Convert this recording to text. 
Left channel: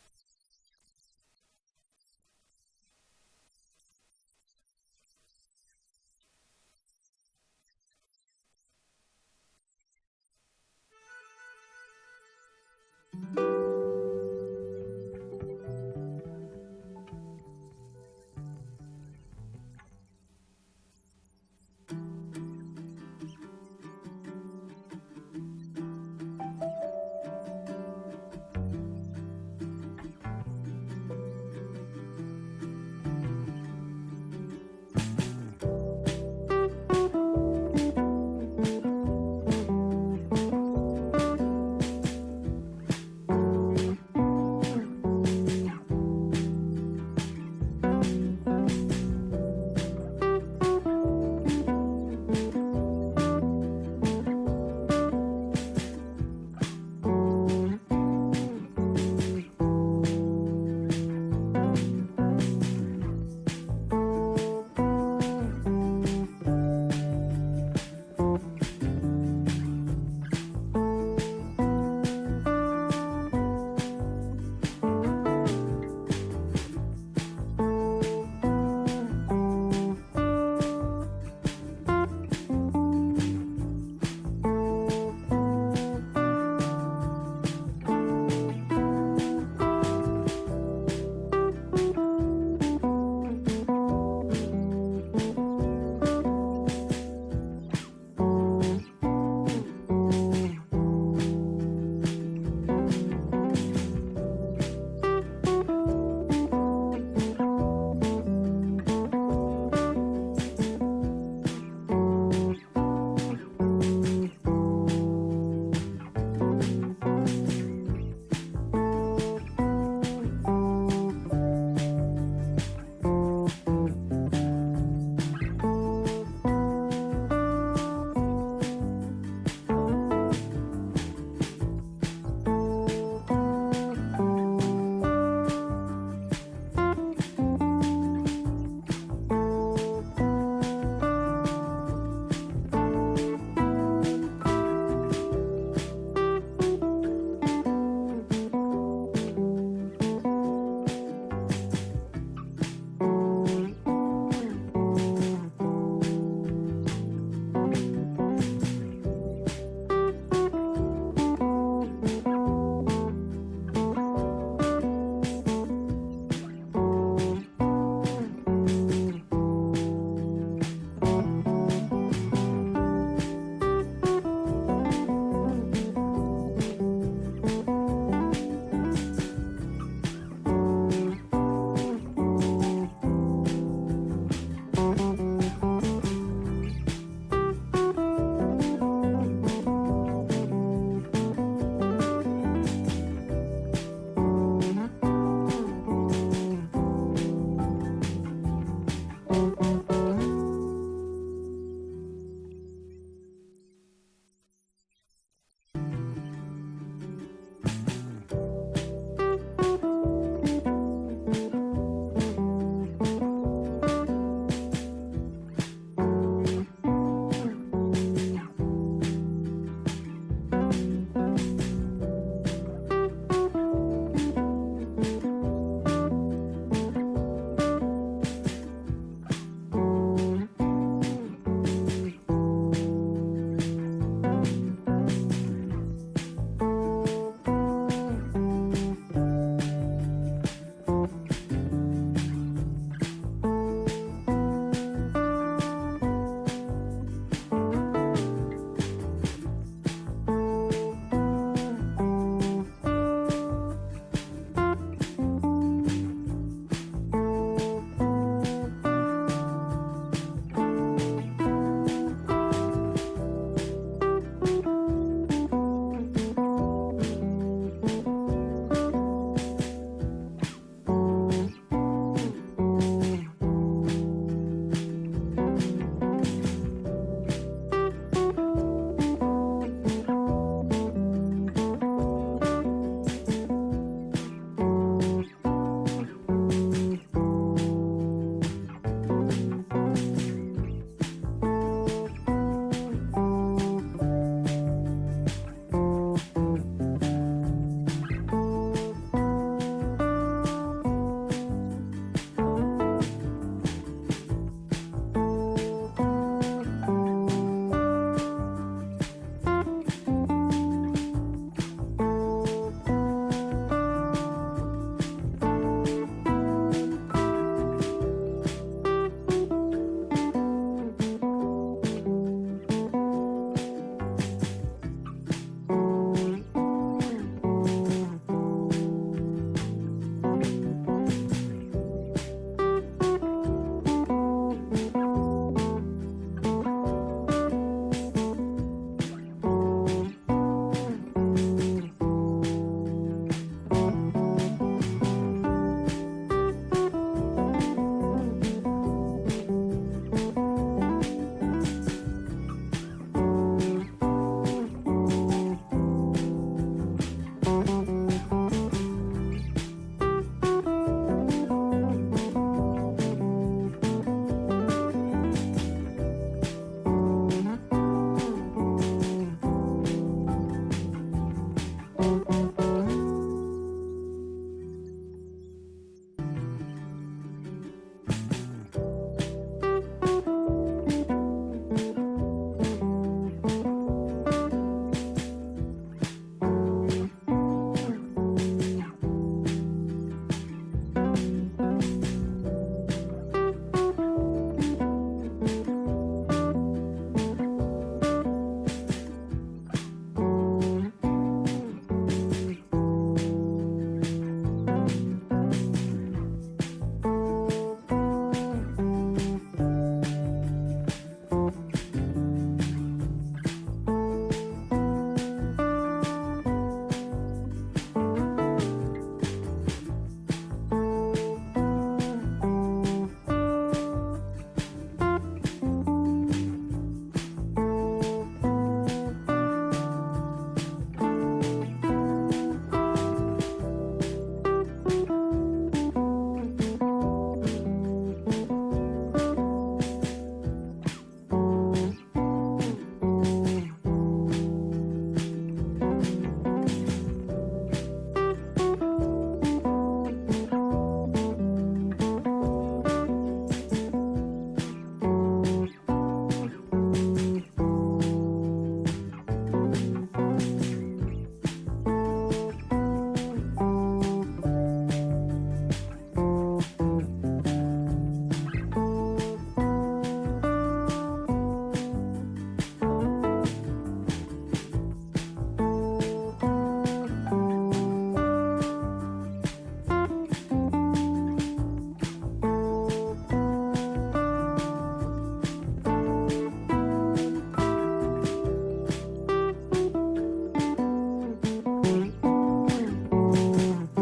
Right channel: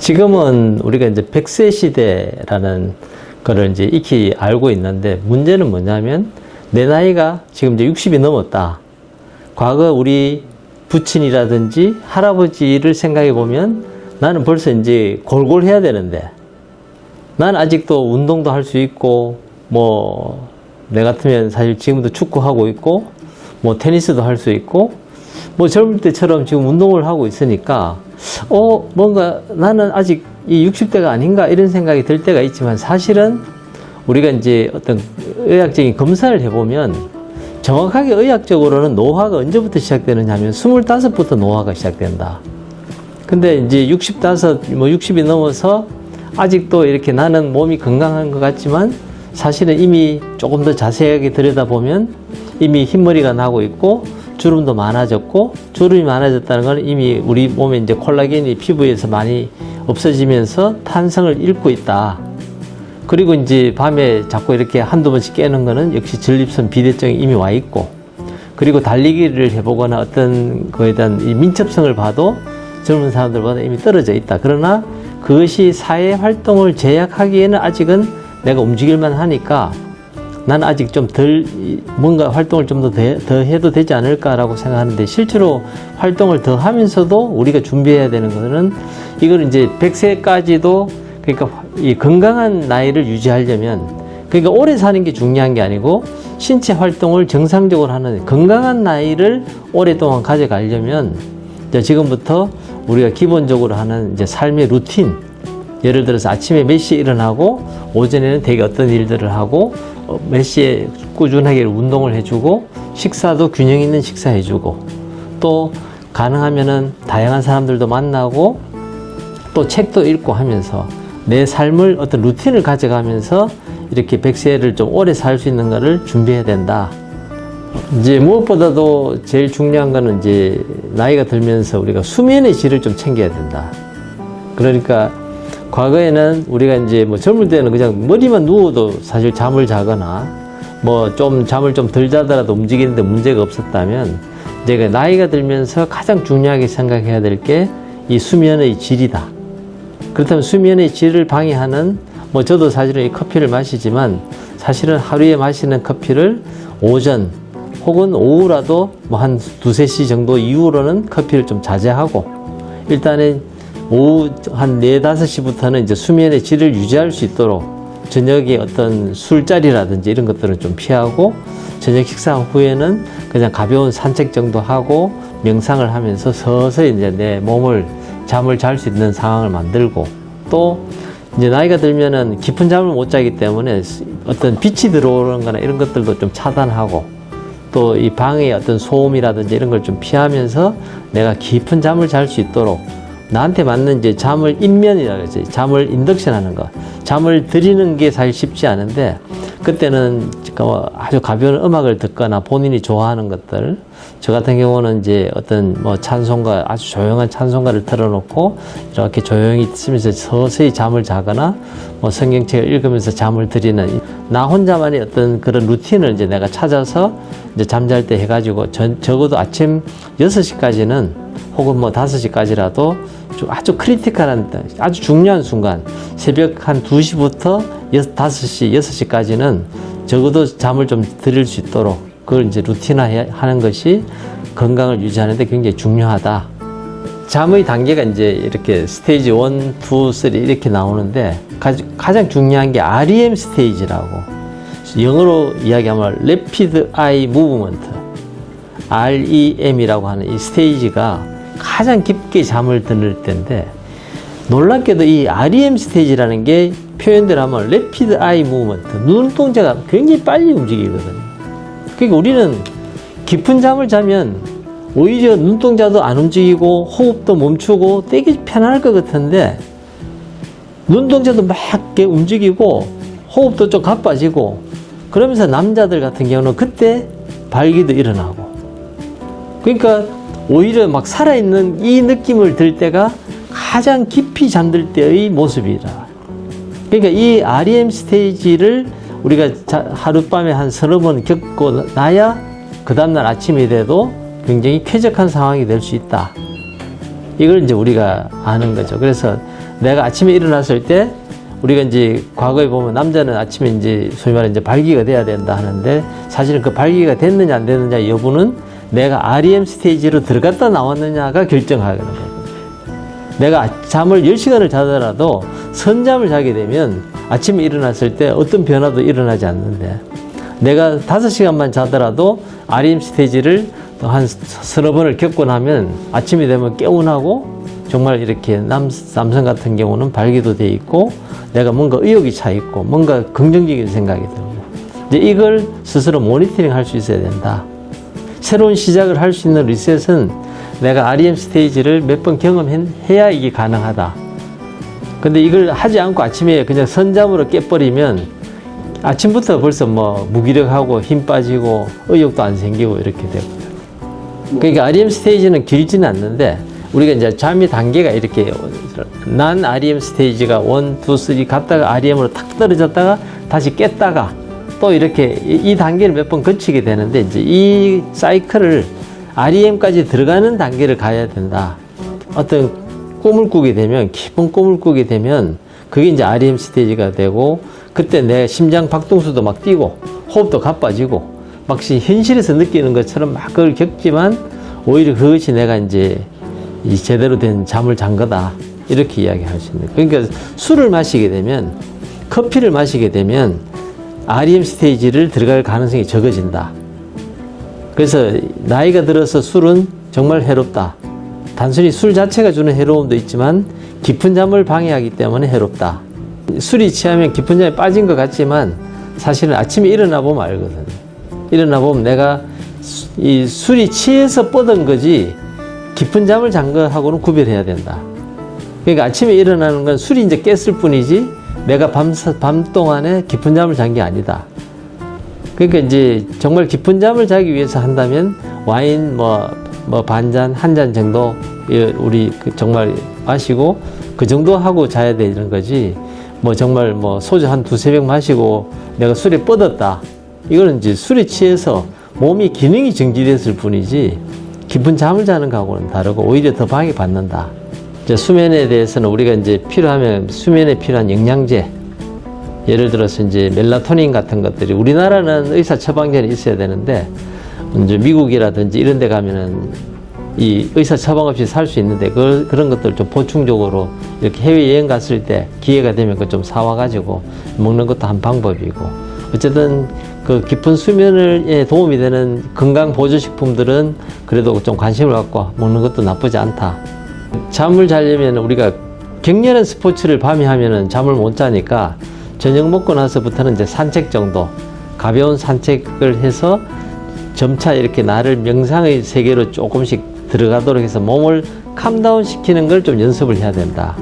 지금은 우리가 이제 100세 시대라는 거를 이제 익히 알고 있는데, 문제는 뭐냐면 내 나이가 지금 이제 60이 넘었다. 과거 우리 부친이라든지 할아버지를 생각해 보면 나는 벌써 이제 골골해야 되는데, 나는 아직도 운동도 할 수 있고, 뭐 내 같으면 사실 지금도 축구하고 있고, 뭐 테니스도 할 수 있고, 뭐 젊을 때처럼 지금 운동을 하고 있으니까 뭔가 나는 아직 이 60대가 아닌가 이런 생각이 들 때가 있지만, 사실은 우리가 이제 어떤 의학적인 검사를 해보면 정확하게 의학적으로는 노화가 언제부터 시작되느냐 하면 25부터 노화가 시작된다. 근데 이제 65, 뭐 60이 넘어서 아직도 이렇게 나는 몸이 건강한 것 같지만, 사실은 이미 조금 더 자세하게 들여다보면 이미 흰머리가 나고 있고, 주름도 많아졌고, 주름이 많아졌다는 건 이미 우리 몸에 이제 콜라겐이 피부에서 많이 없어지면서 탄성을 잃고 있다. 그리고 이제 밤에 자꾸 이렇게 한두 번씩 깨는 거는 역시 전립선 비대증이 이미 와 있고, 그리고 달리기를 해보거나 어떤 거에 대한 이 민첩성을 봐도 젊은 사람들보다 이미 떨어져 있다. 그러나 그것이 사회 활동을 제약하기에는 아직은 내가 움직일만 하니까 난 아직 좀 뭔가 활동을 좀 더 해도 되지 않을까라고 생각하는데, 실제로 활동을 더 하면서도 우리가 준비해야 되는 것은, 이걸 이제 100세까지도, 그러니까 이 건강한 나이를 유지하려면, 그러니까 오래 사는 게 중요한 게 아니고 신체 활동을 정상적으로 하는 건강한 나이를 오랫동안 가져가려면, 이제 지금부터 우리가 기본적으로 하는 이제 삶의 루틴, 예를 들어서 아침에 몇 시에 일어나고, 오전에는 되게 어떤 일들을 하고, 몇 시에 꾸준하게 운동을 해주고, 식사도 균형 있는 식사 해주고, 또 가능하면은 다양한 사람들도 만나고, 또 책도 읽고 하면서 내 삶을 어떤 루틴을 가져가면서 이렇게 100세를 좀 오래 살 수 있는 거를 준비해야 된다. 이제 무엇보다도 제일 중요한 거는 이제 나이가 들면서 우리가 수면의 질을 좀 챙겨야 된다. 그러니까 과거에는 우리가 이제 뭐 젊을 때는 그냥 머리만 누워도 사실 잠을 자거나 뭐 좀 잠을 좀 덜 자더라도 움직이는데 문제가 없었다면, 이제 나이가 들면서 가장 중요하게 생각해야 될 게 이 수면의 질이다. 그렇다면 수면의 질을 방해하는, 뭐 저도 사실은 이 커피를 마시지만, 사실은 하루에 마시는 커피를 오전 혹은 오후라도 뭐 한 2-3시 정도 이후로는 커피를 좀 자제하고, 일단은 오후 한 4-5시부터는 이제 수면의 질을 유지할 수 있도록 저녁에 어떤 술자리라든지 이런 것들은 좀 피하고, 저녁 식사 후에는 그냥 가벼운 산책 정도 하고 명상을 하면서 서서히 이제 내 몸을 잠을 잘 수 있는 상황을 만들고, 또 이제 나이가 들면은 깊은 잠을 못 자기 때문에 어떤 빛이 들어오는 거나 이런 것들도 좀 차단하고, 또 이 방의 어떤 소음이라든지 이런 걸 좀 피하면서 내가 깊은 잠을 잘 수 있도록, 나한테 맞는 이제 잠을 인면이라고 하지, 잠을 인덕션 하는 거. 잠을 들이는 게 사실 쉽지 않은데, 그때는 아주 가벼운 음악을 듣거나 본인이 좋아하는 것들, 저 같은 경우는 이제 어떤 뭐 찬송가, 아주 조용한 찬송가를 틀어놓고 이렇게 조용히 있으면서 서서히 잠을 자거나, 뭐 성경책을 읽으면서 잠을 들이는, 나 혼자만의 어떤 그런 루틴을 이제 내가 찾아서 이제 잠잘 때 해가지고, 적어도 아침 6시까지는 혹은 뭐 5시까지라도 아주 크리티컬한, 아주 중요한 순간, 새벽 한 2시부터 5시, 6시까지는 적어도 잠을 좀 들일 수 있도록 그걸 이제 루틴화 하는 것이 건강을 유지하는 데 굉장히 중요하다. 잠의 단계가 이제 이렇게 스테이지 1, 2, 3 이렇게 나오는데, 가장 중요한 게 REM 스테이지라고, 영어로 이야기하면 Rapid Eye Movement, REM이라고 하는 이 스테이지가 가장 깊게 잠을 드는 때인데, 놀랍게도 이 REM 스테이지라는 게 표현대로 하면 Rapid Eye Movement, 눈동자가 굉장히 빨리 움직이거든요. 그러니까 우리는 깊은 잠을 자면 오히려 눈동자도 안 움직이고 호흡도 멈추고 되게 편할 것 같은데, 눈동자도 막 이렇게 움직이고 호흡도 좀 가빠지고, 그러면서 남자들 같은 경우는 그때 발기도 일어나고, 그러니까 오히려 막 살아있는 이 느낌을 들 때가 가장 깊이 잠들 때의 모습이라. 그러니까 이 REM 스테이지를 우리가 하룻밤에 한 30번 겪고 나야 그 다음날 아침이 돼도 굉장히 쾌적한 상황이 될 수 있다. 이걸 이제 우리가 아는 거죠. 그래서 내가 아침에 일어났을 때 우리가 이제 과거에 보면 남자는 아침에 이제 소위 말해 이제 발기가 돼야 된다 하는데 사실은 그 발기가 됐느냐 안 됐느냐 여부는 내가 REM 스테이지로 들어갔다 나왔느냐가 결정하거든요. 내가 잠을 10시간을 자더라도 선잠을 자게 되면 아침에 일어났을 때 어떤 변화도 일어나지 않는데 내가 5시간만 자더라도 REM 스테이지를 한 서너 번을 겪고 나면 아침이 되면 개운하고 정말 이렇게 남성 같은 경우는 발기도 돼 있고 내가 뭔가 의욕이 차 있고 뭔가 긍정적인 생각이 듭니다. 이제 이걸 스스로 모니터링 할 수 있어야 된다. 새로운 시작을 할 수 있는 리셋은 내가 REM 스테이지를 몇 번 경험해야 이게 가능하다. 근데 이걸 하지 않고 아침에 그냥 선잠으로 깨버리면 아침부터 벌써 뭐 무기력하고 힘 빠지고 의욕도 안 생기고 이렇게 되고. 그러니까 REM 스테이지는 길지는 않는데 우리가 이제 잠의 단계가 이렇게 난 REM 스테이지가 1, 2, 3 갔다가 REM으로 탁 떨어졌다가 다시 깼다가 또 이렇게 이 단계를 몇 번 거치게 되는데 이제 이 사이클을 REM까지 들어가는 단계를 가야 된다. 어떤 꿈을 꾸게 되면 깊은 꿈을 꾸게 되면 그게 이제 REM 스테이지가 되고 그때 내 심장 박동수도 막 뛰고 호흡도 가빠지고 막 현실에서 느끼는 것처럼 막 그걸 겪지만 오히려 그것이 내가 이제 이 제대로 된 잠을 잔 거다 이렇게 이야기할 수 있는. 그러니까 술을 마시게 되면 커피를 마시게 되면 REM 스테이지를 들어갈 가능성이 적어진다. 그래서 나이가 들어서 술은 정말 해롭다. 단순히 술 자체가 주는 해로움도 있지만 깊은 잠을 방해하기 때문에 해롭다. 술이 취하면 깊은 잠에 빠진 것 같지만 사실은 아침에 일어나 보면 알거든. 일어나 보면 내가 이 술이 취해서 뻗은 거지 깊은 잠을 잔 거하고는 구별해야 된다. 그러니까 아침에 일어나는 건 술이 이제 깼을 뿐이지 내가 밤 동안에 깊은 잠을 잔 게 아니다. 그러니까 이제 정말 깊은 잠을 자기 위해서 한다면 와인 뭐 반잔, 한 잔 정도 우리 정말 마시고 그 정도 하고 자야 되는 거지. 뭐 정말 뭐 소주 한 2-3병 마시고 내가 술에 뻗었다. 이거는 이제 술에 취해서 몸이 기능이 정지됐을 뿐이지 깊은 잠을 자는 거하고는 다르고 오히려 더 방해받는다. 이제 수면에 대해서는 우리가 이제 필요하면 수면에 필요한 영양제 예를 들어서 이제 멜라토닌 같은 것들이 우리나라는 의사 처방전이 있어야 되는데 이제 미국이라든지 이런 데 가면은 이 의사 처방 없이 살 수 있는데 그런 것들 좀 보충적으로 이렇게 해외 여행 갔을 때 기회가 되면 그거 좀 사와가지고 먹는 것도 한 방법이고 어쨌든 그 깊은 수면에 도움이 되는 건강 보조식품들은 그래도 좀 관심을 갖고 먹는 것도 나쁘지 않다. 잠을 자려면 우리가 격렬한 스포츠를 밤에 하면은 잠을 못 자니까 저녁 먹고 나서부터는 이제 산책 정도 가벼운 산책을 해서 점차 이렇게 나를 명상의 세계로 조금씩 들어가도록 해서 몸을 캄다운 시키는 걸 좀 연습을 해야 된다.